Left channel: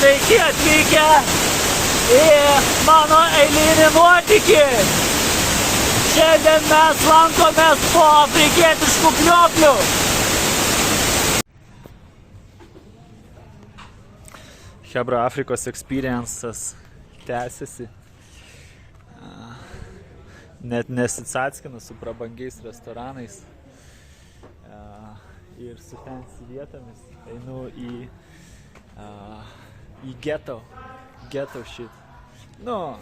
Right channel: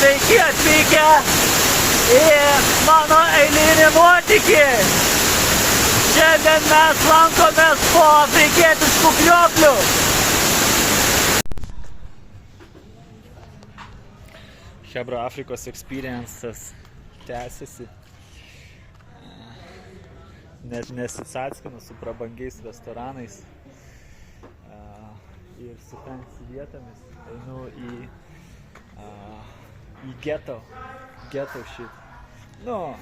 Sveiki atvykę į mano eilinį nuotykį. Šiandien mes lankomės po afrikietiškų krioklių. Hebra Afrikos experiences tęsiasi. Net nesicatskinu su prabangiais restoranais ir su fancy vietomis. Einu į ghetto shit. Nu,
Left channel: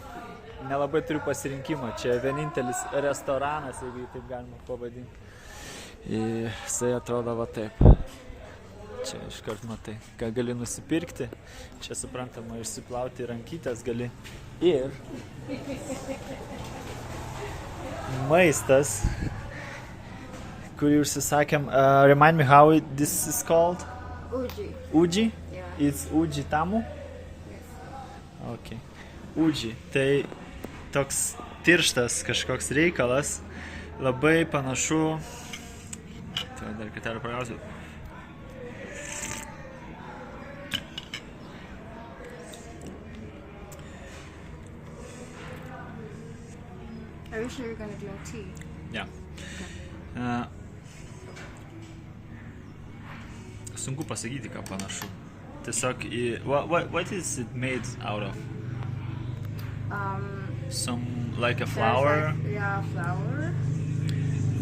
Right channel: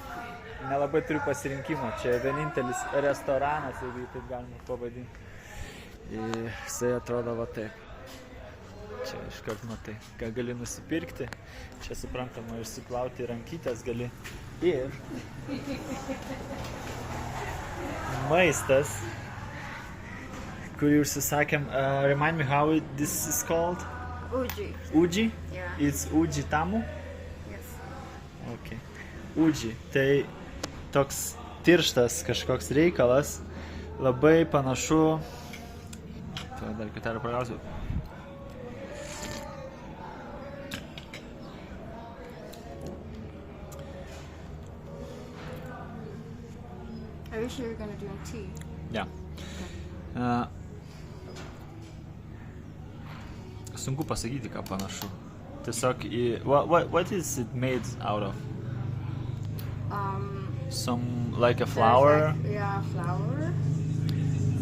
nelabai turiu pasirinkimą. Čia vienintelis restoranas, jeigu jį taip galima pavadinti. Ir jisai atrodo va taip. Čia iškart matai, ką gali nusipirkti. Čia suprantama, išsiplauti rankytės gali. Ir maistas, kurį užsisakėm. Remind me how this is called? Uji. Uji? Yeah. It's uji tamu? Yes. Okay. Uji. Tai toks tirštas kažkoks reikalas. Labai panašu. Tai dar kartelį pragausiu. Are you sure you're gonna drink tea? Yeah. Okay. Sunku pasakyti, ką panašu. Tiesiog what is it made out of? Some like a flour? Yeah, flour.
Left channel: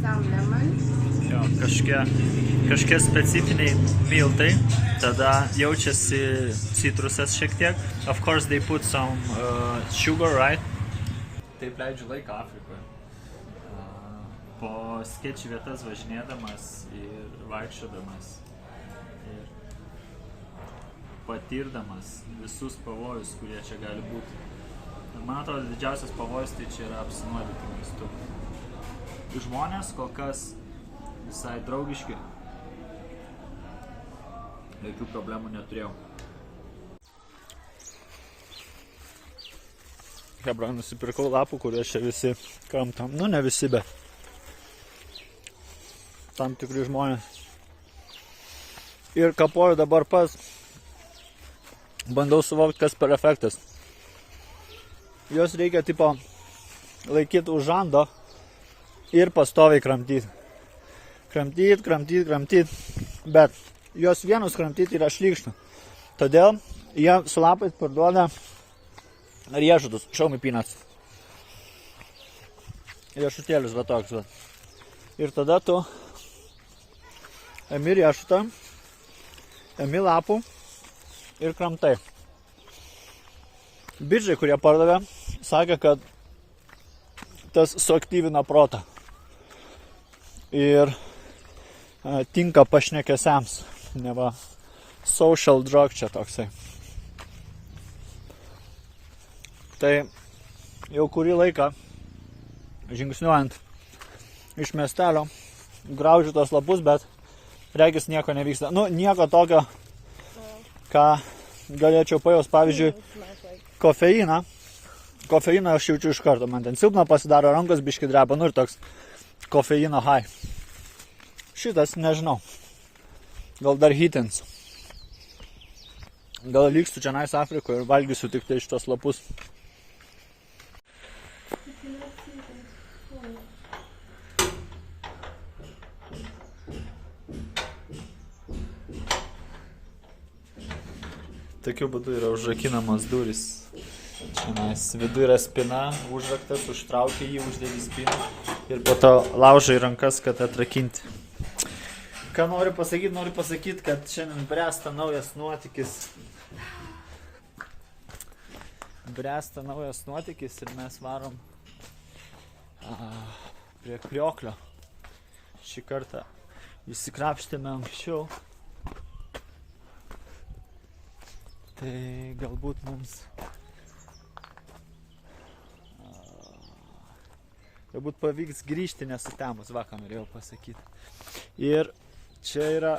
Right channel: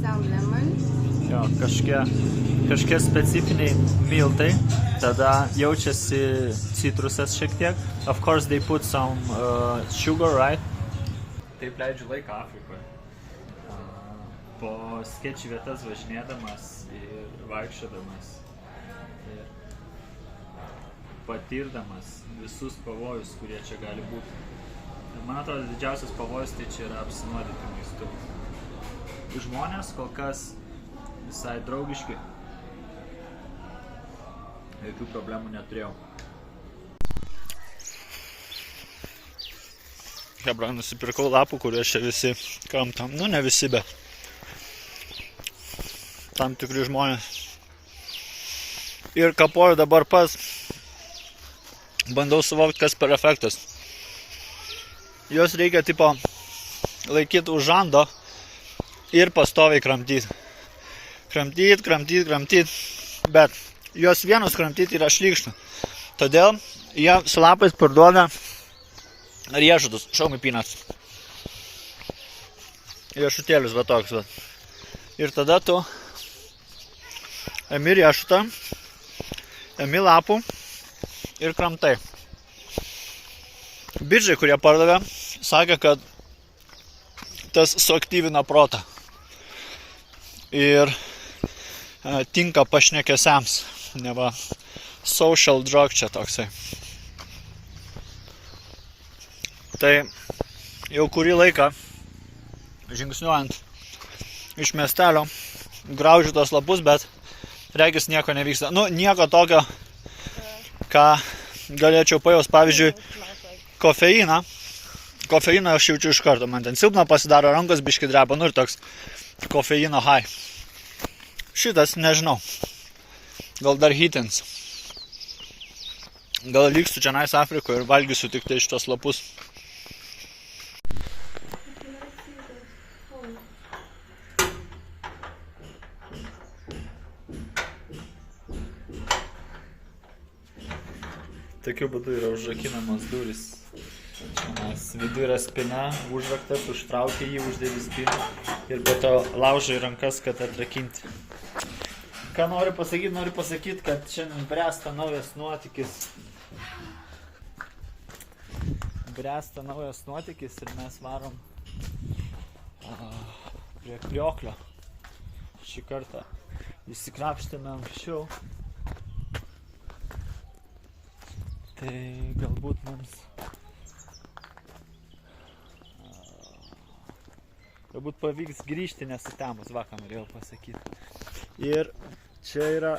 Some lemon. Jo, kažkie specifiniai miltai. Tada jaučiasi citrusas šiek tiek. Of course they put some sugar, right? Taip leidžiu laiką Afrikoje. Po skėčių vietas važinėdamas ir vaikščiodamas ir patirdamas visus pavojus, kurie čia gali būti. Ir man atrodo, didžiausias pavojus tai čia yra apsinuodyti maistu. Žmonės kol kas visai draugiški. Jokių problemų neturėjau. Hebra, nusipirkau lapų, kurie čia visi kramtam. Nu, ne visi, bet tam tikri žmonės. Ir kapoju dabar pats. Bandau suvokti, kas per efektas. Jos reikia tipo laikyti už žando ir pastoviai kramtyti. Kramtyti. Bet jos vienus kramtyti yra šlykštų. Todėl jie su lapais parduoda riešutus, show me peanuts. Riešutėlius, va toks, va. Ir tada tu emi riešutą, emi lapų ir kramtai. Bičiai, kurie pardavė, sakė, kad tas suaktyvina protą. Ir tinka pašnekesiams. Neva social drug čia toksai. Tai jau kurį laiką žingsniuojant iš miestelio graužiu tos lapus, bet regis nieko nevyksta. Nu, nieko tokio, ką galėčiau pajaust. Pavyzdžiui, kofeiną. Kofeiną aš jaučiu iš karto. Man ten silpna pasidaro, rankos biški dreba, nu ir toks kofeino high. Šitas nežinau. Gal dar hitins. Gal liksiu čia nais Afrikoje ir valgysiu tik tai šitos lapus. Tokiu būdu yra užrakinamos durys. Vidu yra spina, užraktas, užtraukia jį, uždėdi spiną ir po to laužai rankas, kad atrakinti. Ką noriu pasakyti, kad šiandien bręsta naujas nuotykis. Ir mes varom prie krioklio. Šį kartą įsikrapštėme anksčiau. Tai galbūt mums pavyks grįžti nesutemus, va ką norėjau pasakyti. Ir čia yra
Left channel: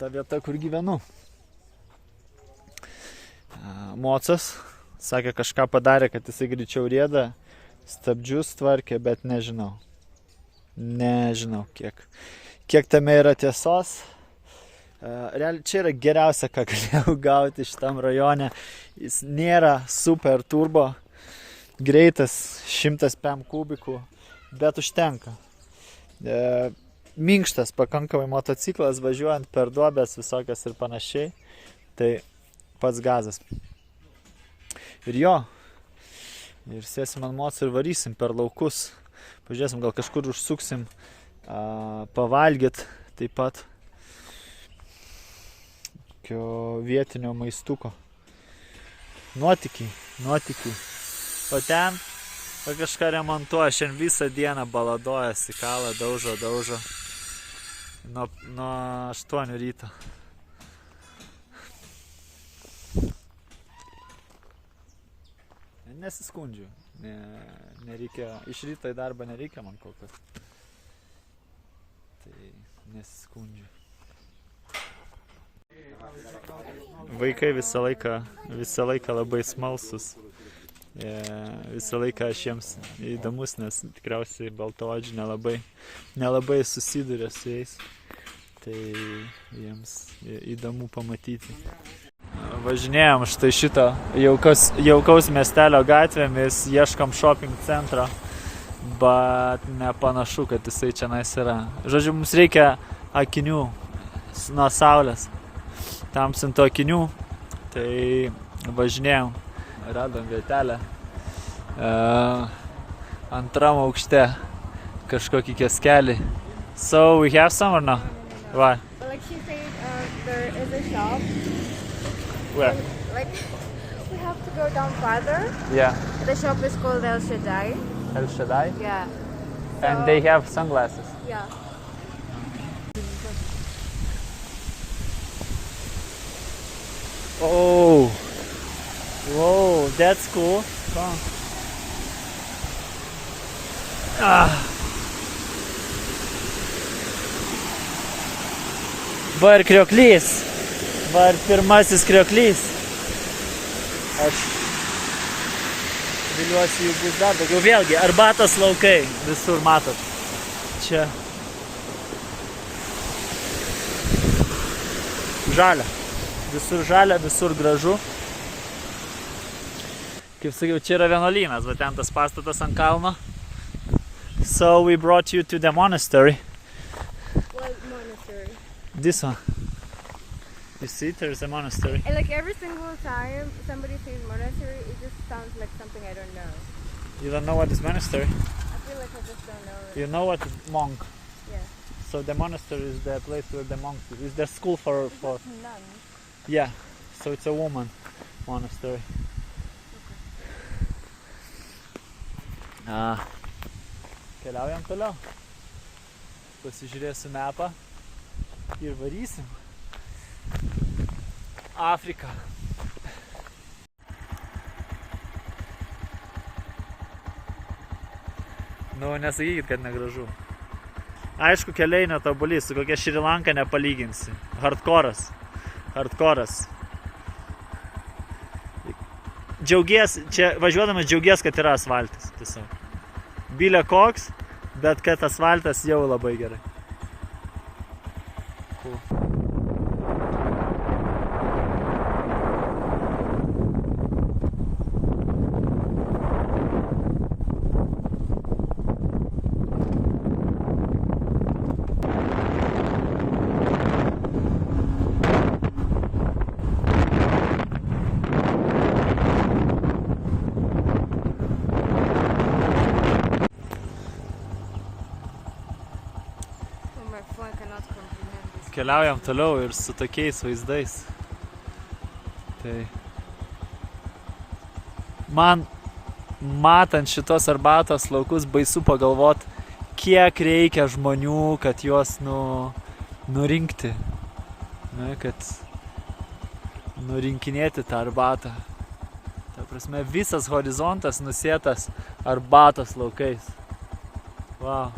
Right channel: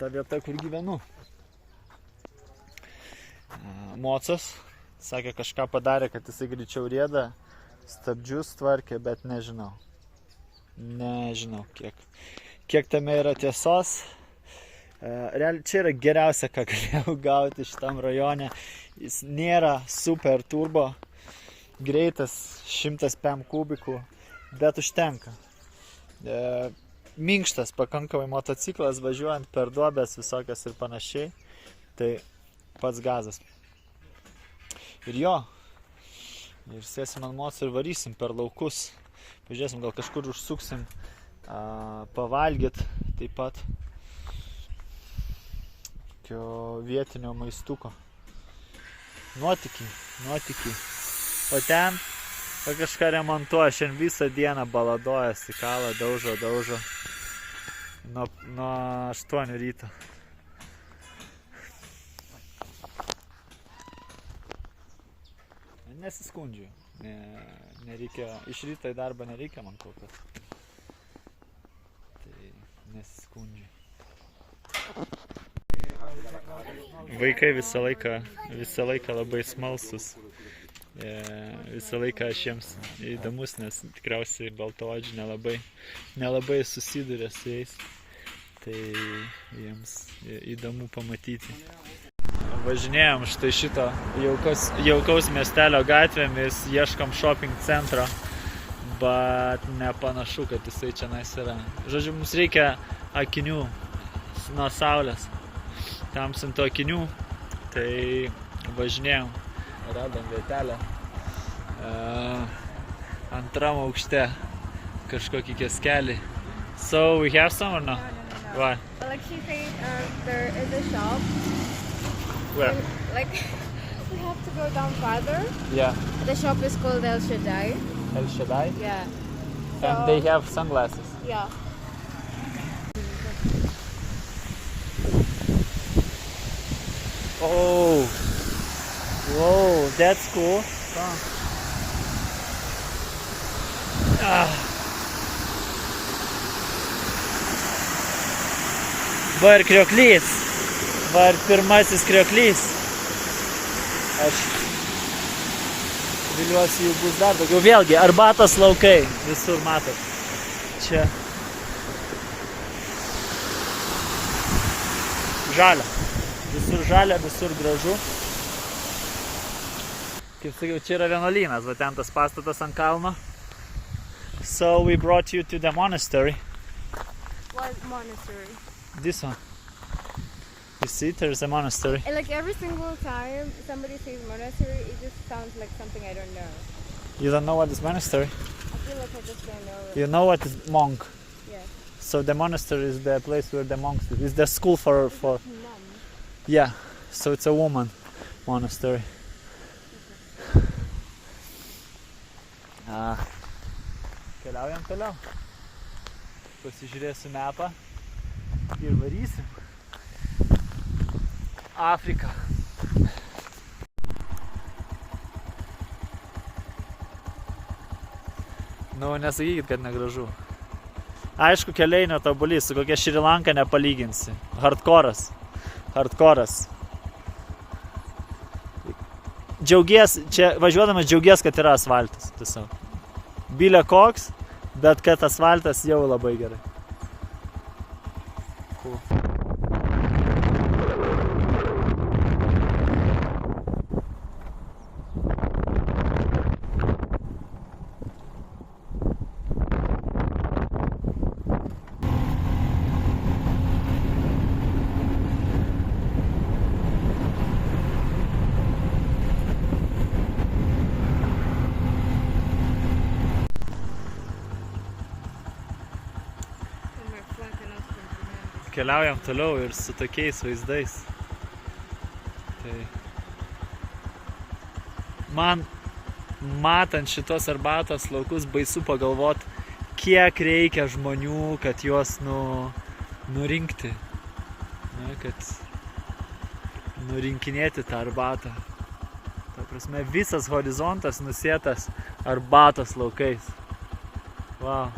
ta vieta, kur gyvenu. Mocas sakė, kažką padarė, kad jisai greičiau rieda, stabdžius tvarkė, bet nežinau. Nežinau, kiek tame yra tiesos. Realiai, čia yra geriausia, ką galėjau gauti šitam rajone. Jis nėra super turbo, greitas 100 PM kubikų, bet užtenka. Minkštas pakankamai motociklas, važiuojant per duobės visokias ir panašiai. Tai pats gazas. Ir jo, ir sėsim ant moco ir varysim per laukus. Pažiūrėsim, gal kažkur užsuksim, pavalgyt taip pat vietinio maistuko. Nuotykiai. O ten kažką remontuoja, šiandien visą dieną baladojasi, kalą, daužo. Nuo 8 ryto. Nesiskundžiu. Nereikia, iš ryto į darbą nereikia man kol kas. Tai nesiskundžiu. Vaikai visą laiką labai smalsus. Visą laiką aš jiems įdomus, nes tikriausiai baltaodžiai nelabai susiduria su jais. Tai jiems įdomu pamatyti. Važinėjom štai šitą jaukaus miestelio gatvėmis, ieškom shopping centro, bet nepanašu, kad jisai čionais yra. Žodžiu, mums reikia akinių nuo saulės, tamsintų akinių, tai važinėjom, radom vietelę antram aukšte kažkokį kioskelį. So we have some or no? No. Why? But like she said, there is a shop. Where? And, like we have to go down farther. Yeah. The shop is called El Shaddai. El Shaddai? Yeah. And they have sunglasses. Yeah. Oh, whoa, that's cool. Va ir krioklys. Va ir pirmasis krioklys. Aš viliuosi, jų bus dar daugiau. Vėlgi, arbatos laukai. Visur matot. Čia. Žalia. Visur žalia, visur gražu. Kaip sakiau, čia yra vienuolynas, va ten tas pastatas ant kalno. So we brought you to the monastery. What monastery? This one. You see, there's a monastery. And like every single time somebody says monastery, it just sounds like something I don't know. You don't know what is monastery? I feel like I just don't know it. You know what is monk. Yeah. So the monastery is the place where the monks live. It's the school for... Nun. Yeah, so it's a woman monastery. Keliaujam toliau. Pasižiūrėsiu mapą ir varysim. Afrika. Nu, nesakykit, kad negražu. Aišku, keliai netobulį, su kokia Šri Lanka nepalyginsi. Hardkoras. Džiaugies, čia važiuodamas džiaugies, kad yra asfaltas. Tiesiog. Bylė koks, bet kad asfaltas jau labai gerai. Cool. Keliaujam toliau ir su tokiais vaizdais. Tai man matant šitos arbatos laukus baisu pagalvot, kiek reikia žmonių, kad juos nurinkti. Ne, kad nurinkinėti tą arbatą. Ta prasme, visas horizontas nusėtas arbatos laukais. Wow.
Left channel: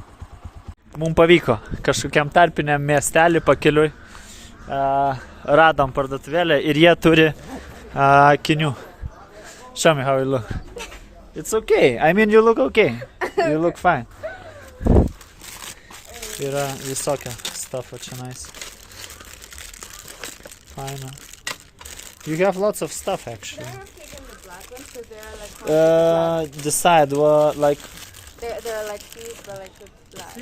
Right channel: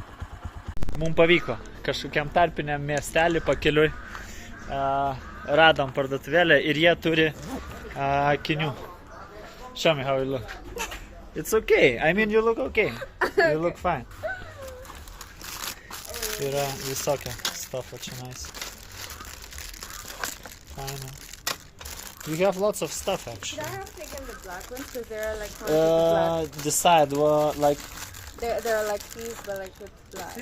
Mums pavyko kažkokiam tarpiniam miestelį pakeliui, radom parduotuvėlę ir jie turi akinių. Show me how you look. It's okay. I mean, you look okay. You look fine. Yra visokia stuff čia nice. Fine. You have lots of stuff actually. I have taken the black ones because they're like black. The side were like They're like these, but like with black.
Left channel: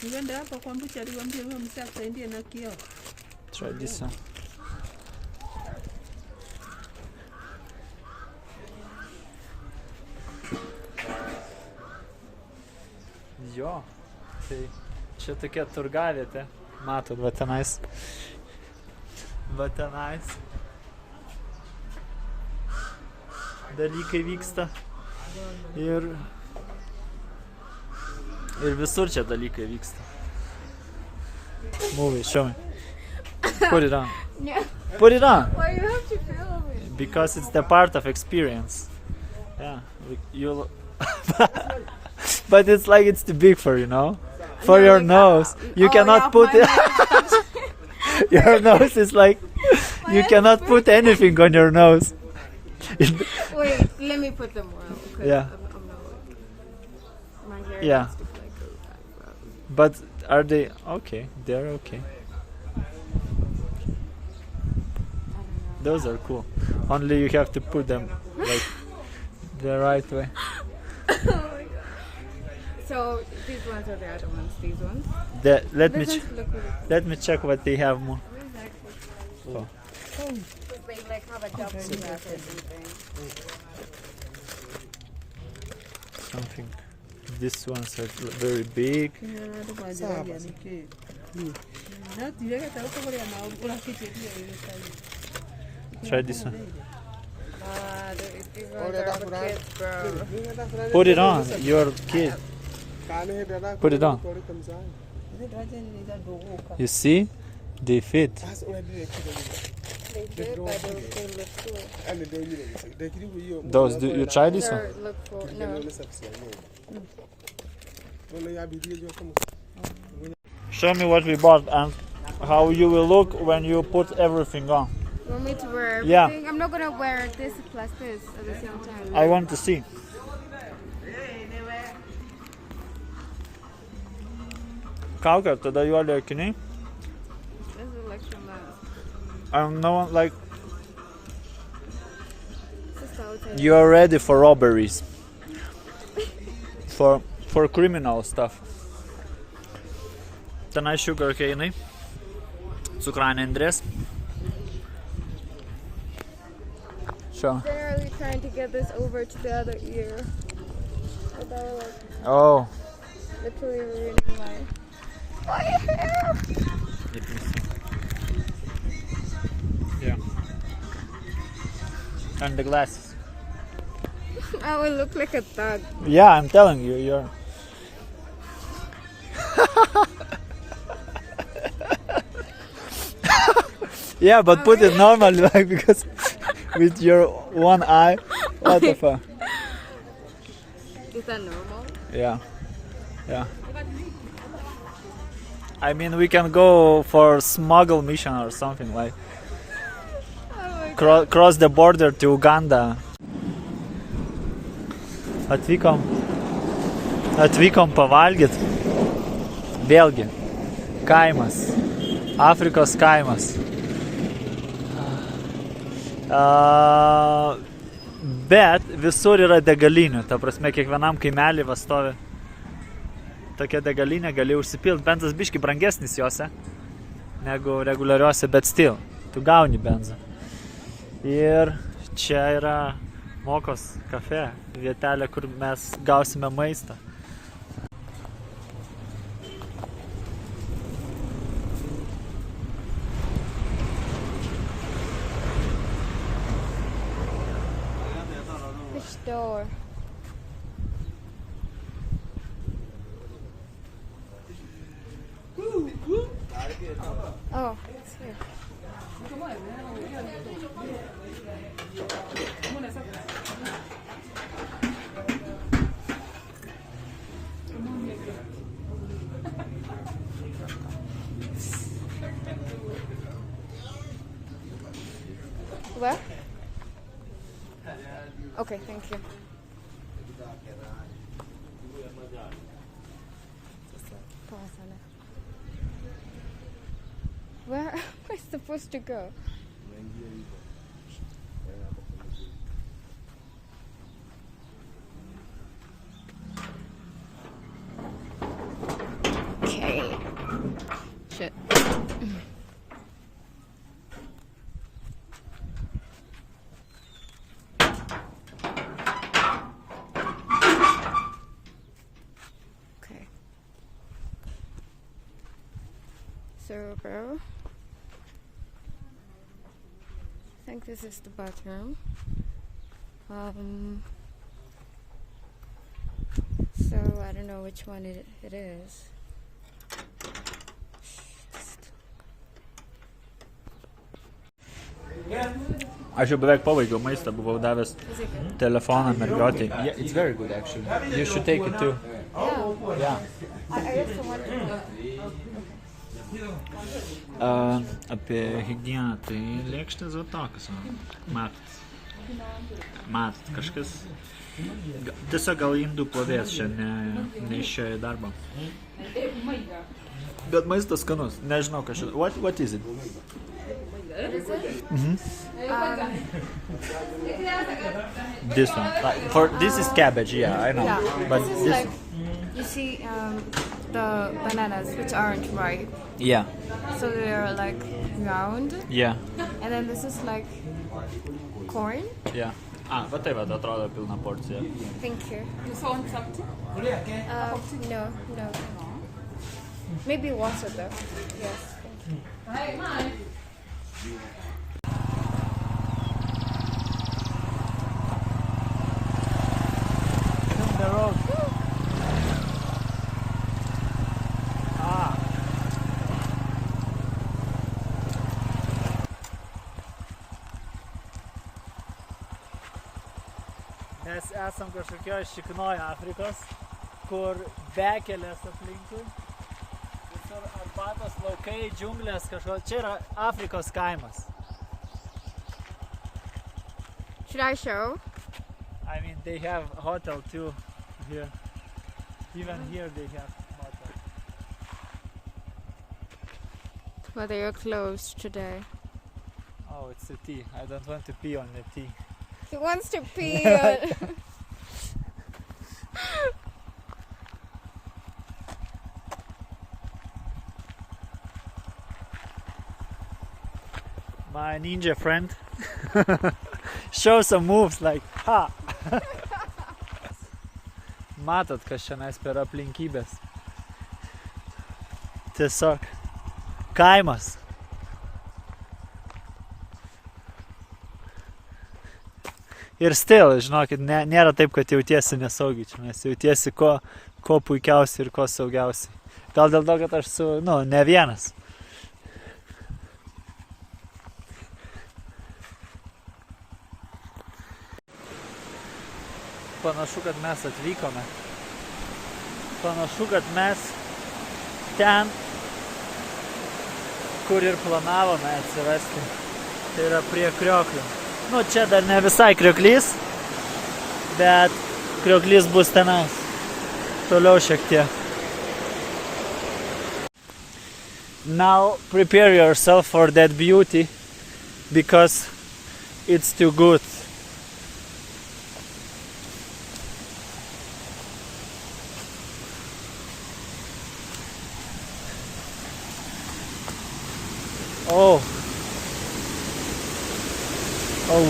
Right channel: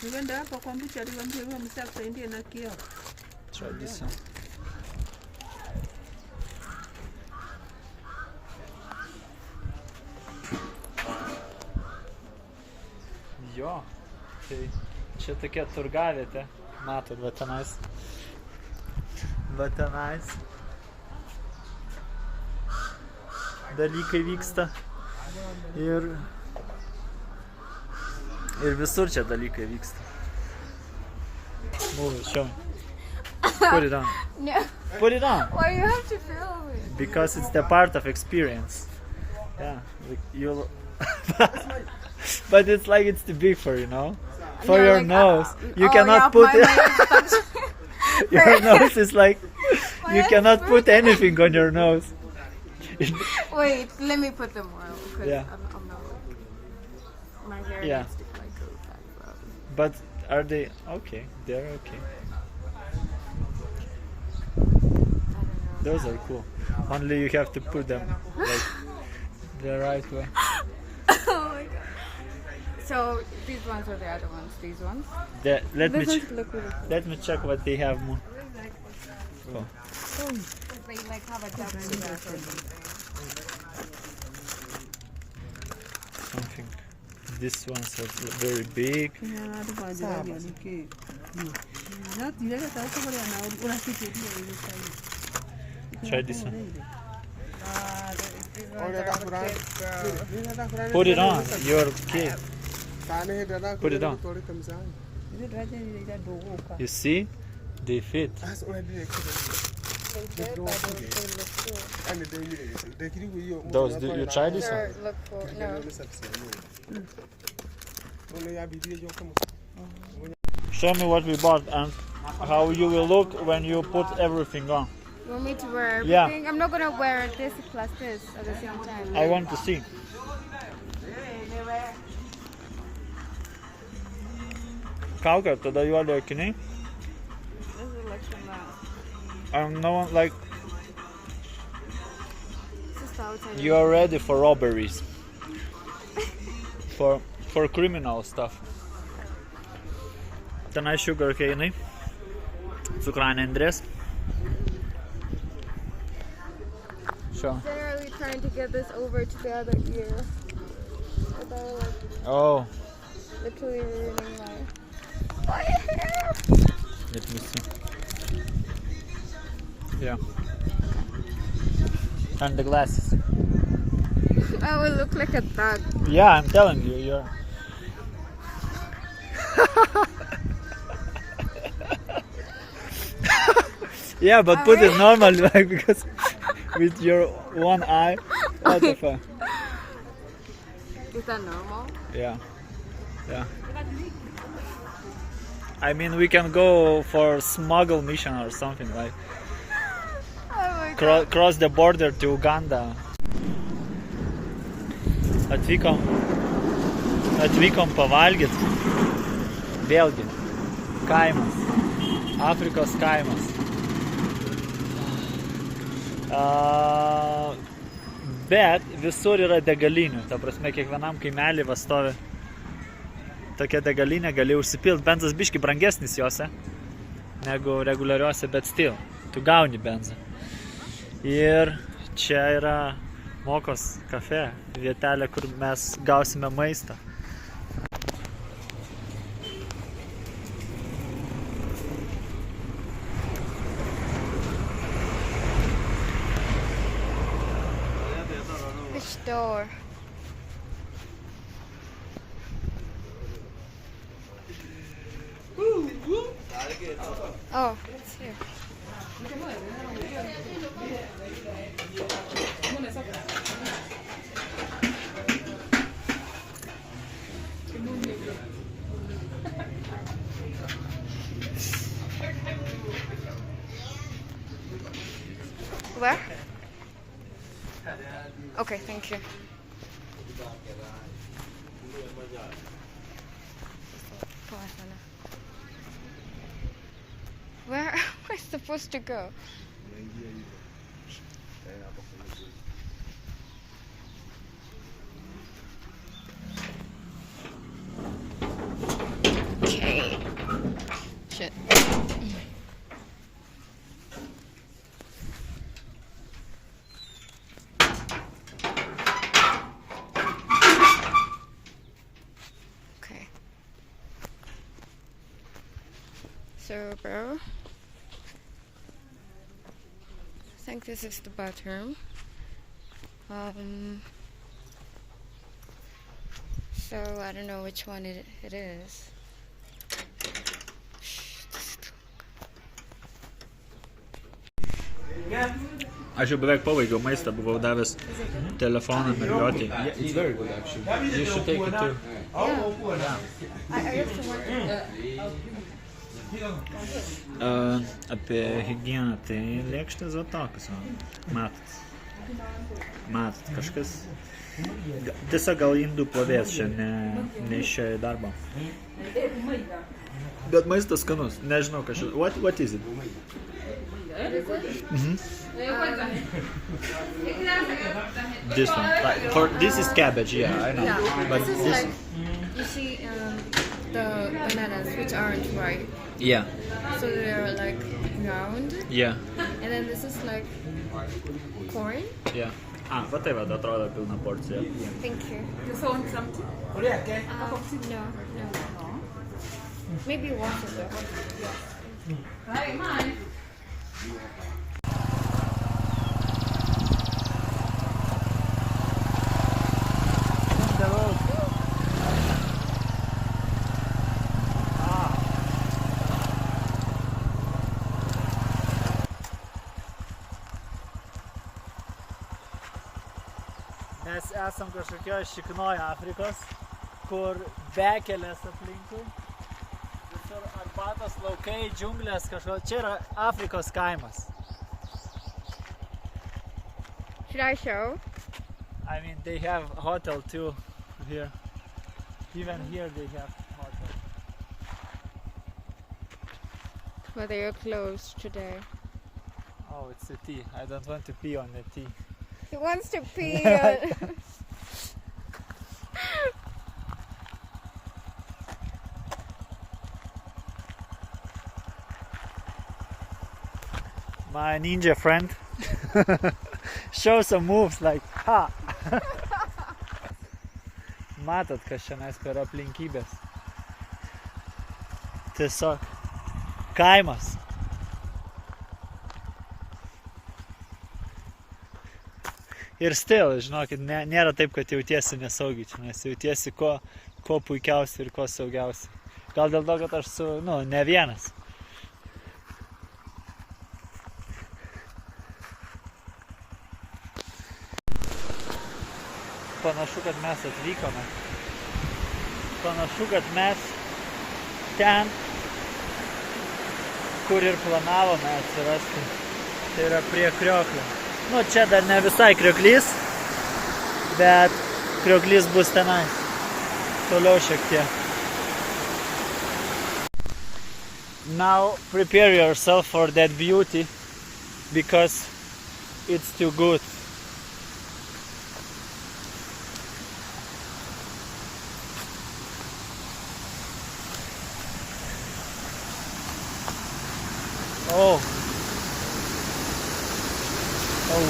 Tuende hapa kwa mbichi aliwaambia huyo msee akusaidie na kioo. try this one. Jo, tai čia tokia turgavietė. Matot, va tenais. Va tenais. Dalykai vyksta. Ir visur čia dalykai vyksta. Move it, show me. Put it on. No. Put it on. Why you have to film it? Because it's the part of experience. Yeah, like you. But it's like it's too big for you, know? For No, your like, nose, you oh, cannot yeah, put my it. mic stops. Your nose is like My you head's cannot put burning. anything on your nose. Wait, let me put them more. Cause Yeah. I'm not like my hair Yeah. needs to like go back up. But are they okay? They're okay. I don't know. Those are cool. Only you have to put them like the right way. Oh my god. So these ones are the other ones. These ones. Let me These ones look really cool. let me check what they have more. Oh. They like have a jumpsuit or something. Something. These ones are very big. Try this one. Put it on. You're kid. Put it on. You see? They fit. Those. Do you try this one? Look cool. No. Show me what we bought and how you will look when you put everything on. You want me to wear Yeah. everything? I'm not gonna wear this plus this at the same time. I want to see. Kaukė, tada juodi akiniai. This is like some And no one like it's just outside. you are ready for robberies. For criminal stuff. Tenai sugar cane'ai. Cukranė Andrės. So. Generally trying to get this over to the other ear. Without like Oh, literally ruining my hair. let me see. Yeah. And the glasses. I will look like a thug. Yeah, I'm telling you, you're. Yeah, but put it normal, like, because with your one eye. What the fuck? Is that normal? Yeah. Yeah. I mean, we can go for smuggle mission or something like. Oh my god. Cross the border to Uganda. Atvykom pavalgyt. Vėlgi. Kaimas. Afrikos kaimas. Bet visur yra degalinių. Ta prasme, kiekvienam kaimelį va stovi tokia degalinė, gali užsipilti. Benzas biški brangesnis jose negu reguliariuose, bet still. Tu gauni benzą. Ir čia yra Mokos kafe, vietelė, kur mes gausime maistą. Which door? Oh, it's here. Where? Okay, thank you. Where am I supposed to go? Okay. Shit. Okay. So, bro, I think this is the bathroom. So I don't know which one it is. Aš jau beveik pabaigiau maistą, buvau davęs telefoną mergiotį. Yeah, it's very good actually. You should take it too. Apie higieną, tai lėkštės va tokios, matot. Matot, kažkas. Tiesiog gal indų plovės čia neišėjo į darbą. Bet maistas skanus, nežinau kažkas. What is it? This one. This is cabbage, yeah, I know. But this You see the bananas which aren't ripe, yeah, so they're like round, yeah, and then this is like corn. yeah. Va tai va, atrodo pilna porcija. Thank you. The phone something? No. Maybe water though. Mes esam kažkokioje šiknoje Afrikos, kur bekelės aplinkui, visur arbatos laukai, džiunglės kažko. Čia yra Afrikos kaimas. Should I show? I mean, they have hotel too here. Even here they have hotel. Well, they are closed today. Oh, it's a tea. I don't want to pee on the tea. He wants to pee. My ninja friend show some moves like ha. Matot, kas šiandien per aplinkybės. Tiesiog kaimas. Ir still, žinokit, nėra taip, kad jautiesi nesaugiai čia, nes jautiesi ko puikiausiai ir ko saugiausiai. Gal dėl to, kad aš ne vienas. Panašu, kad mes atvykome. Panašu, kad mes ten, kur ir planavome atsirasti. Tai yra prie Krioklio. Čia dar ne visai Krioklys, bet Krioklys bus tenais. Toliau šiek tiek. Now prepare yourself for that beauty, because it's too good. Oh,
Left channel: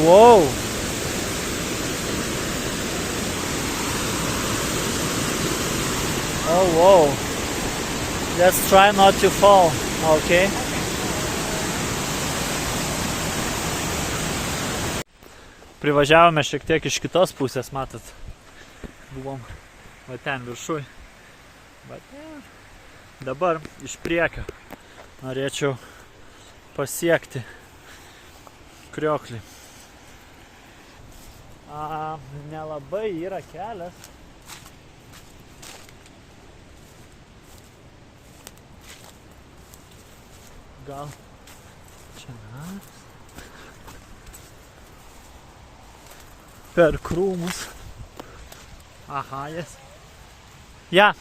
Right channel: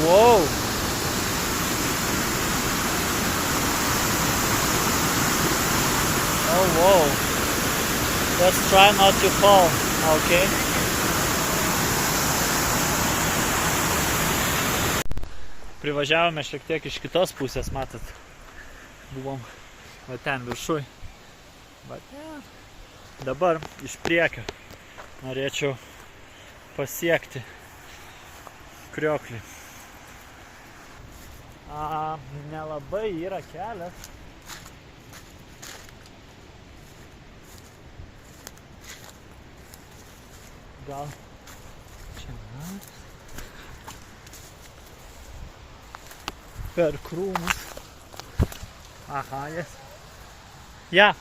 whoa. Oh, whoa. Let's try not to fall, okay? Privažiavome šiek tiek iš kitos pusės, matot. Buvom va ten viršui. Bet dabar iš priekio norėčiau pasiekti Krioklį. Nelabai yra kelias. Gal čia per krūmus. Aha, yes. Yeah.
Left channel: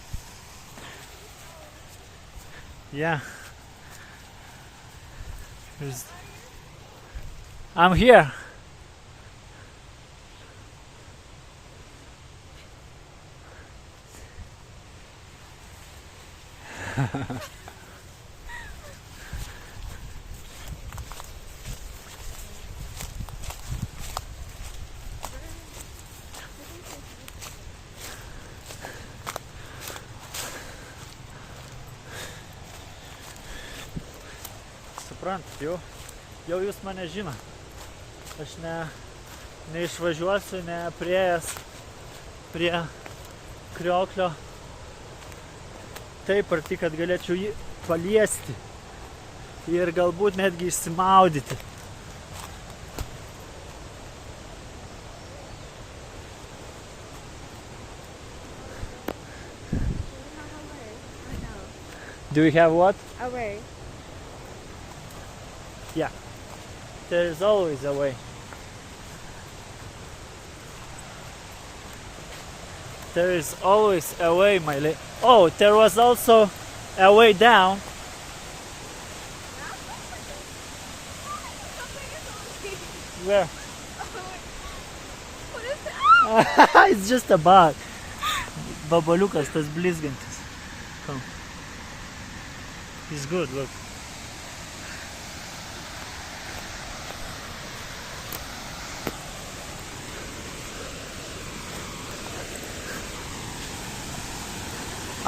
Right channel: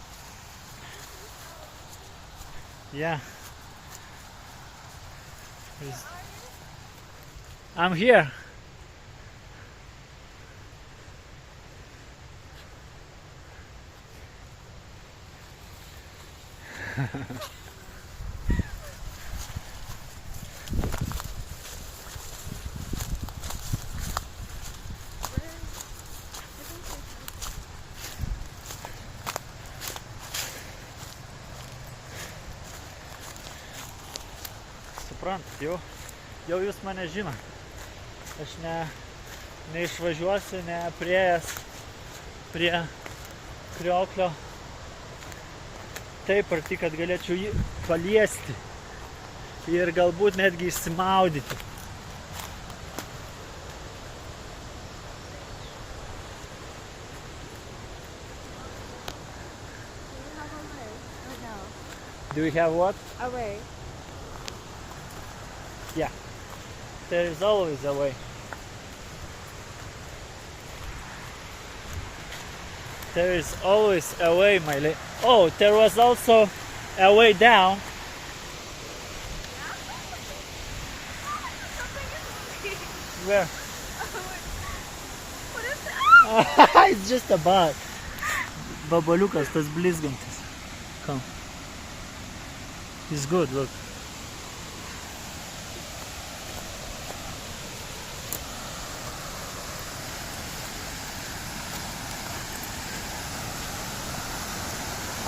I'm here. Suprantat, jau jūs mane žino. Aš neišvažiuosiu, nepriėjęs prie krioklio taip arti, kad galėčiau jį paliesti ir galbūt netgi išsimaudyti. Do you have what? Away. Yeah. There is always a way. There is always a way, my lady. Oh, there was also a way down. Where? It's just a bug. Babaliukas, tas blizgantis. Come. He's good, look.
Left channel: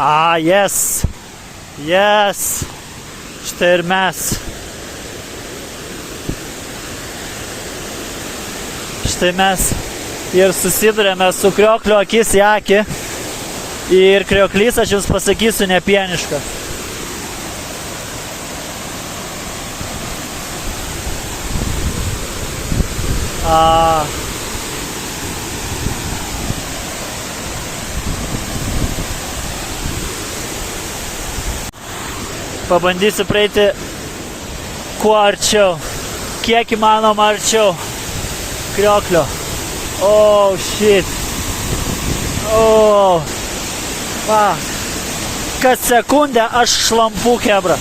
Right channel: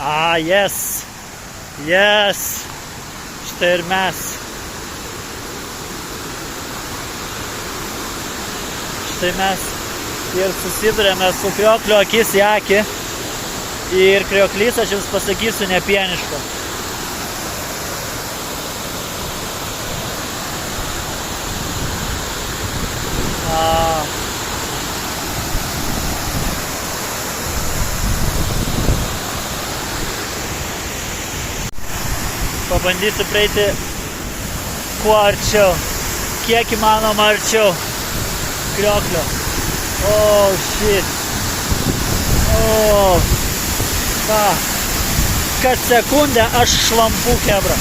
Ah, yes. Yes. Štai ir mes. Štai mes ir susidurėme su kriokliu akis į akį. Ir krioklys, aš jums pasakysiu, nepieniškas. Pabandysiu praeiti kuo arčiau, kiek įmanoma arčiau krioklio. Oh, shit. Oh. Va. Kas sekundę aš šlampu, kebra.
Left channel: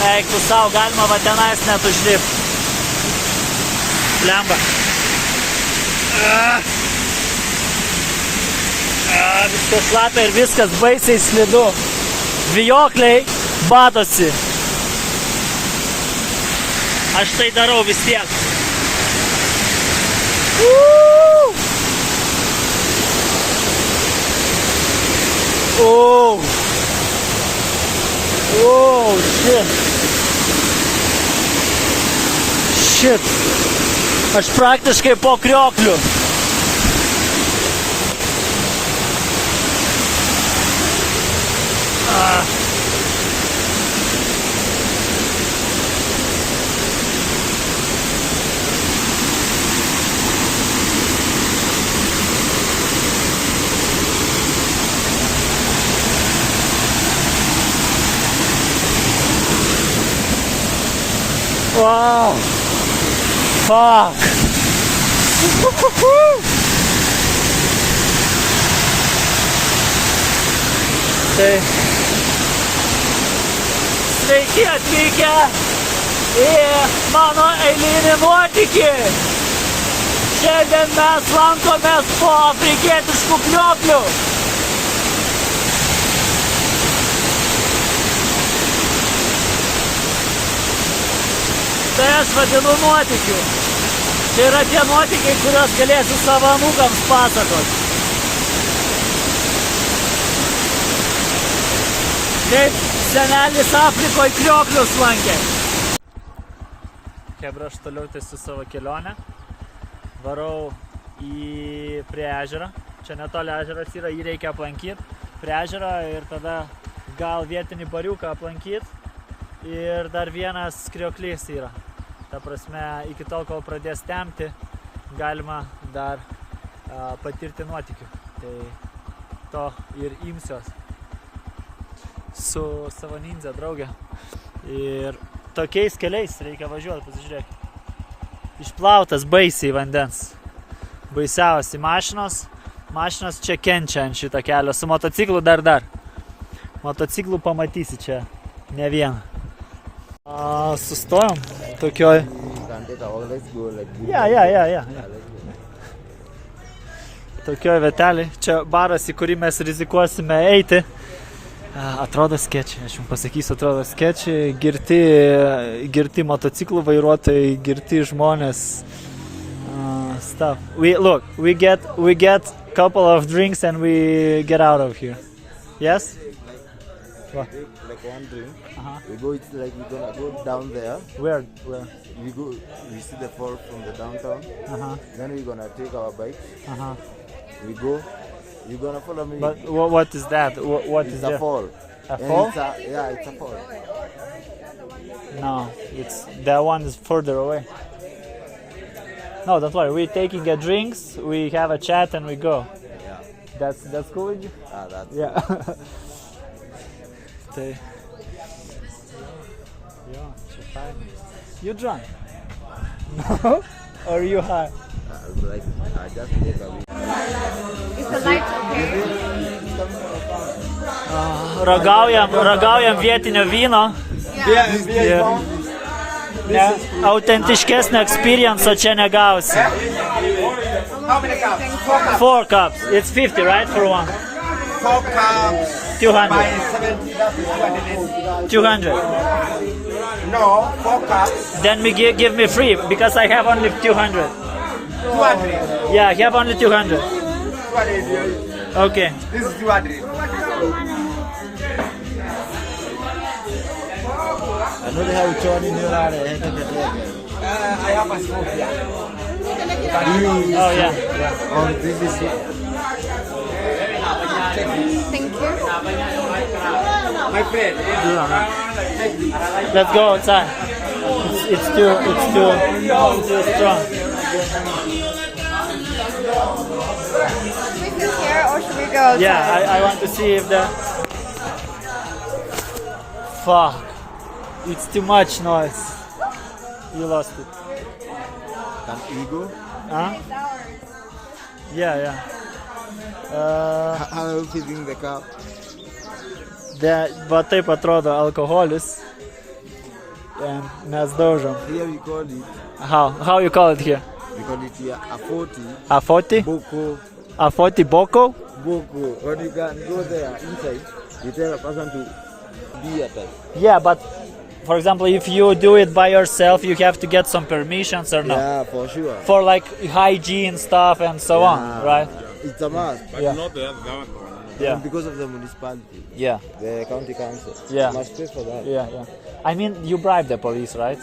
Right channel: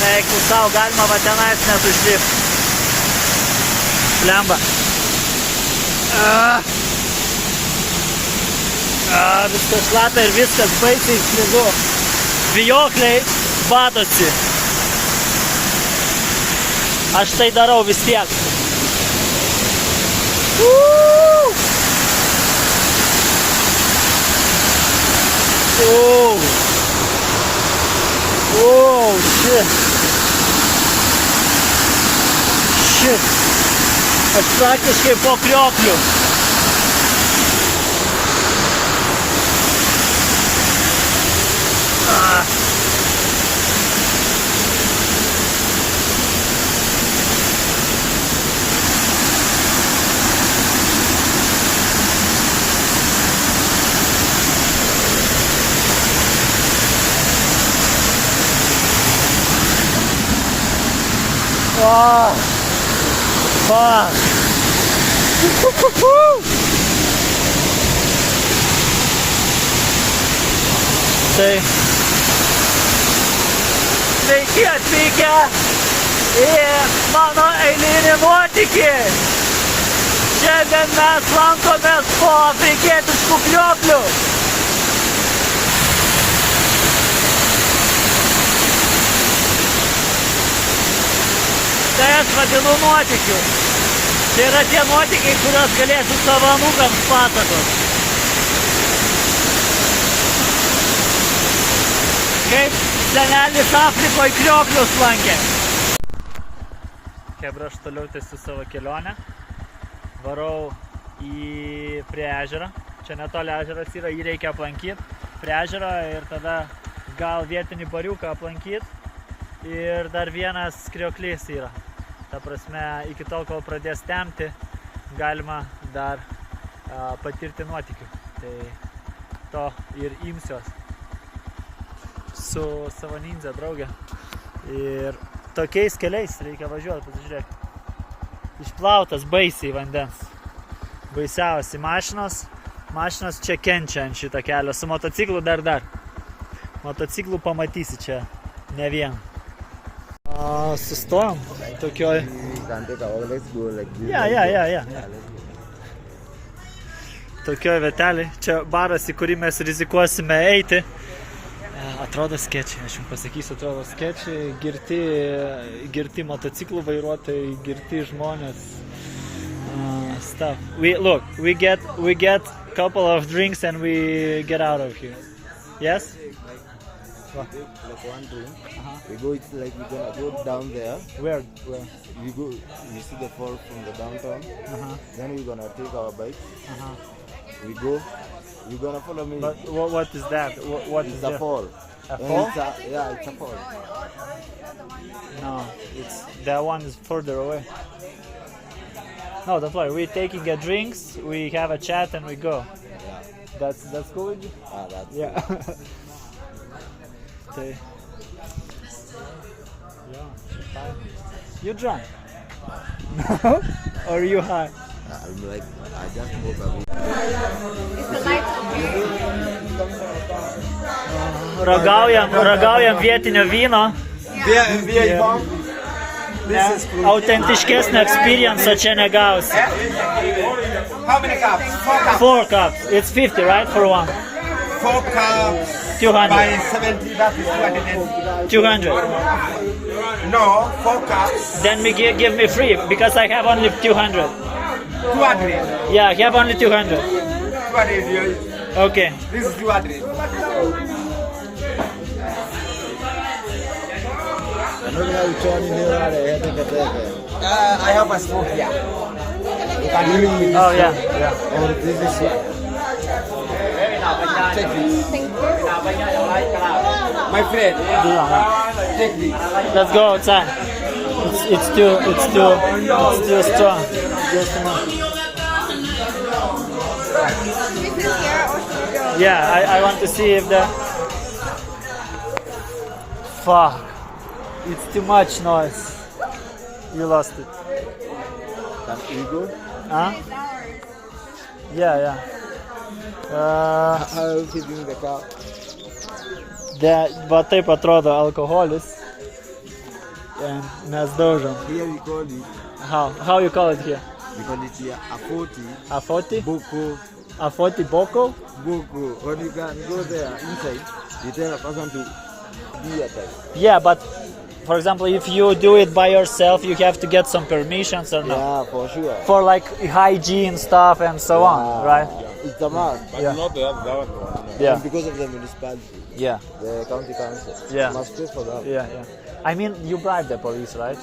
Eik tu savo, galima va tenais net užlipti. Blemba. Viskas šlapia ir viskas baisiai slidu. Vijokliai batosi. Aš tai darau vis tiek. Oh, shit. Shit. Aš praktiškai po kriokliu. Fuck. Tai sveiki atvykę į mano eilinį nuotykį. Šiandien mes lankomės po afrikietiškų krioklių. Tai aš vadinu nuotykiu. Tai yra tie nuotykiai, kuriuos galėsiu savo anūkams pasakot. Kaip senelis Afrikoje krioklius lankė. Kebra, aš toliau tęsiu savo kelionę. Varau prie ežero. Čia netoli ežeras yra, jį reikia aplankyti. Prie ežero ir tada gal vietinį bariuką aplankyti. Ir dar vienas krioklys yra. Ta prasme, iki tol, kol pradės tempti, galima dar patirti nuotykių. Tai to ir imsiuos su savo ninja draugė. Ir tokiais keliais reikia važiuoti, pasižiūrėk. Išplautas baisiai vandens. Baisiausiai mašinos čia kenčia ant šitą kelią, su motociklu dar. Motociklų pamatysi čia ne vieną. Sustojom tokioj. Ja. Tokioj vietelėj. Čia baras, į kurį mes rizikuosime eiti. Atrodo skečiai, aš jums pasakysiu, atrodo skečiai. Girti motociklų vairuotojai, girti žmonės. Stuff. We get couple of drinks and we get out of here. Yes? Take like one drink. We go. It's like we're gonna go down there. Where? We go. We see the fall from the downtown. Then we're gonna take our bike. We go. You're gonna follow me. But what is that? What It's is a that? fall. A And fall? It's a fall. No, that one is further away. No, don't worry. We're taking a drinks. We have a chat and we go. Yeah. That's cool with you? That's Yeah. Okay. Yeah, so fine. You drunk? No? Or you high? I'm like I just take a bit. It's a light. Ragaujam vietinio vyno. Autentiškesnio experience čia negausi. How many cups? 4 4 cups. cups. It's 50, right? For one. 4 cups 200. by 70, that is 200. 200. No, 4 cups, Then give me free because I have only 200. 200. Yeah, I have only 200. 200. Okay. This is 200. I have a spoon here. Oh yeah. Thank you. My friend, take this. Let's go outside. It's too strong. Yeah, I want to see if the. Fuck. It's too much noise. You lost it. We go. Huh? Yeah. How are you feeding the cow? Va taip atrodo alkoholis. And mes daužom. Here we call it. How you call it here? We call it here a 40 A 40? boko. A 40 boko? Boko. When you can go there inside, you tell a person to be at it. Yeah, but for example, if you do it by yourself, you have to get some permissions or not. Yeah, for sure. For like hygiene stuff and so on, right? It's a must. Yeah. Not the other one. Yeah. And because of the municipality, Yeah, the county council, Yeah. must pay for that. yeah. I mean, you bribe the police, right?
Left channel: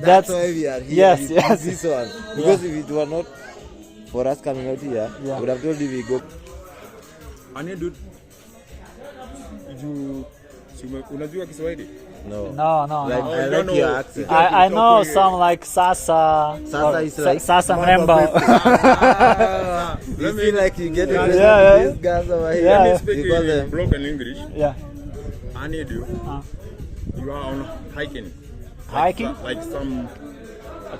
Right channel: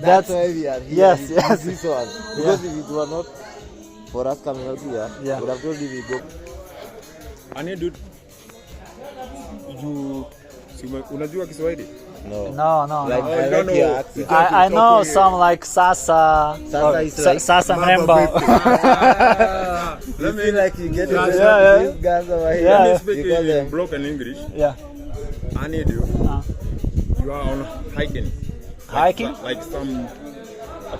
That's why we are here. Yes, we yes. do this one. Because if it were not for us coming out here, Yeah. would have told you we go. Ani dude, unajua Kiswahili? No. No. Like, Oh, I no, like no. your accent. I know some like Sasa. Sasa or is like Sasa Mamba Membo. You feel like you get it. Yeah. These guys over here. Yeah. Let me speak You call in them. broken English. Yeah. I need you. You are on hiking. Hiking? Like some,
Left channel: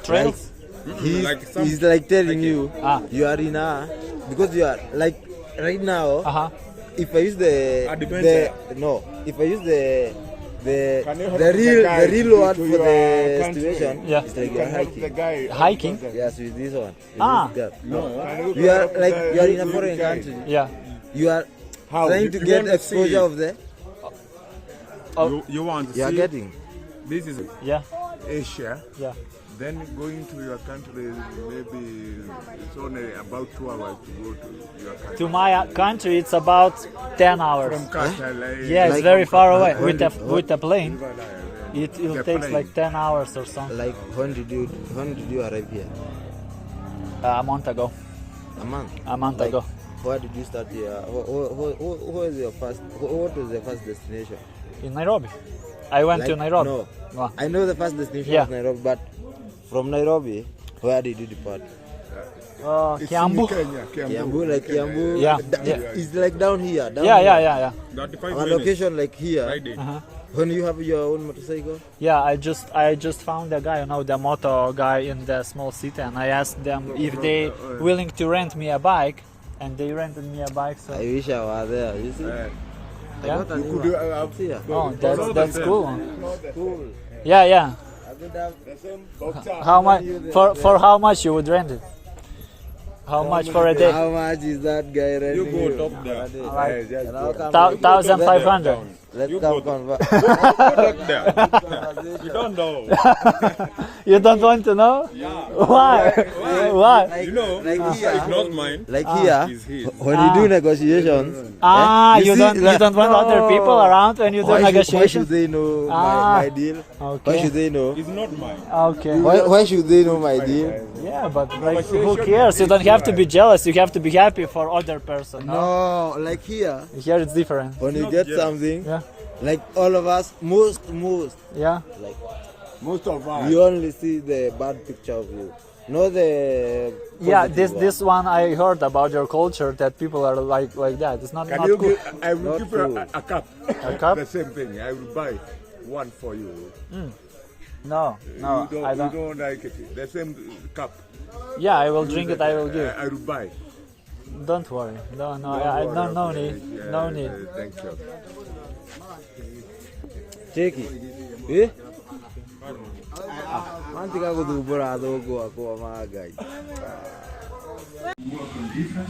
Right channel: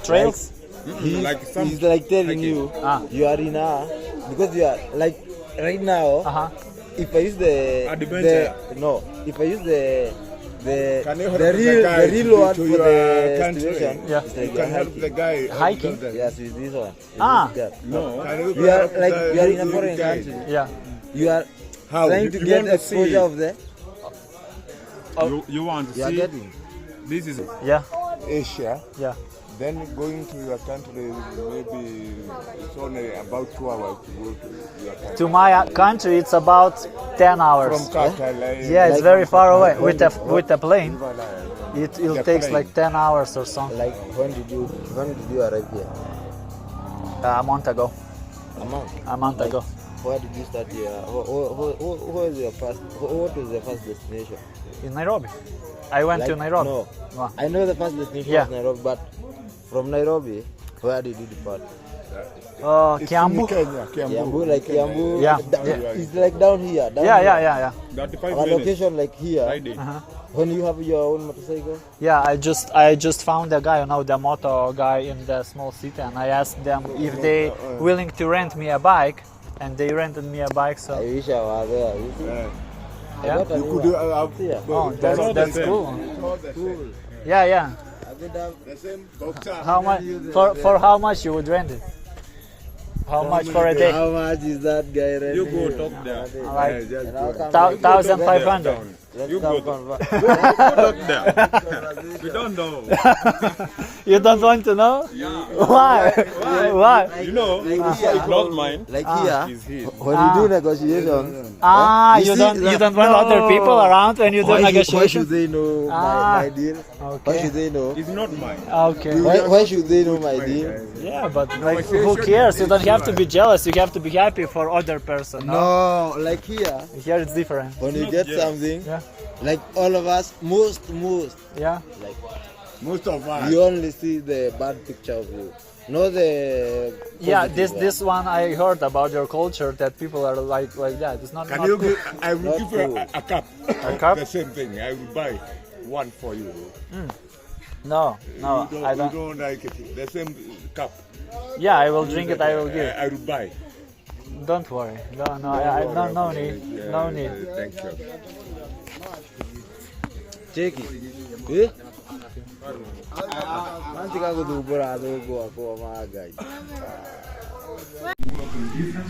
Trails? like some. He's like telling hiking. you, you are in a, because you are like right now. Uh-huh. If I use Adventure. if I use the Can you help the the real word to for your the country? situation, Yeah. it's like You can you are help the hiking. guy. Hiking? Yes, with this one. With Ah. this gap. No. You are like you are in a foreign country. Yeah. You are How? trying You- to you get want to see- exposure of the. You want to You are see? getting. This is Yeah. Asia. Yeah. Then going to your country, maybe it's only about 2 hours to go to your country. To my country, it's about 10 hours. From Qatar, Yeah, it's Like- very far away. With the plane, it The takes plane. like 10 hours or something. Like when did you arrive here? A month ago. A month. Ago. Where did you start here? Who was your first? What was your first destination? In Nairobi. I went to Like, Nairobi. No, Wow. I know the first destination Yeah. was Nairobi, but from Nairobi, where did you depart? Kiambu. Kiambu, like Kiambu. Yeah, It's like down here. Down Yeah. here. 35 Our minutes. location like here. Friday. When you have your own motorcycle? Yeah, I just found a guy, the moto guy in the small city, and I asked them if they willing to rent me a bike, and they rented me a bike. I So wish I was there. You see? yeah, I You got could a do have here. oh, that's cool. Cool. Yeah. I could have the same boxer. How much for how much you would rent it? How much for a day? How much is that guy renting? You go you? talk there. Like Just And I'll go. come 1,500. Let's You come go. convert. Talk there. We don't know. You don't want to know? Why? Why? You know, Like here, it's not mine. like here, It's his. when you do negotiations, Ah, you see, don't want other people around when you do why should negotiations? they know my deal? Why Okay. should they know? It's not mine. Okay. Why should they know my deal? Yeah, but like, who cares? You don't have to be jealous. You have to be happy for other person. No? No, like here, Here it's different. when you not get jealous. something, Yeah. like all of us, most, Yeah. like Most of us. you only see the bad picture of you, not the Yeah, positive one. this one I heard about your culture that people are like that. It's not, Can not you cool. give, I will Not give you cool. a cup. A cup? The same thing. I will buy one for you. No, You I don't. You don't like it. The same cup. Yeah, I will drink it. I will give. I will buy. Don't worry. No, no need. No need. Thank you. Cheki. Eh? Nanti kako dubura dogo ako magai.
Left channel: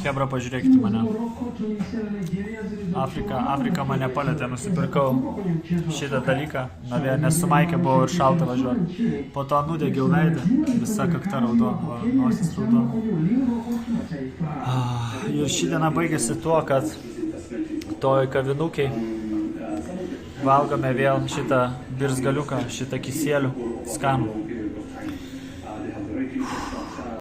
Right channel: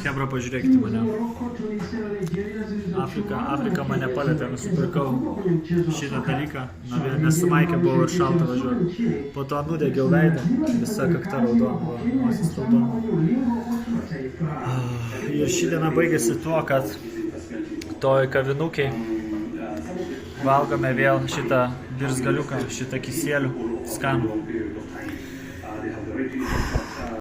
Hebra, pažiūrėkite mane. Afrika mane palėtė, nusipirkau šitą dalyką. Nes su Maike buvau ir šalta važiuoti. Po to nudegiau veidą, visa kakta raudona, nosis raudona. Ir ši diena baigėsi tuo, kad toj kavinukiai valgome vėl šitą birzgaliuką, šitą kisėlių skanų.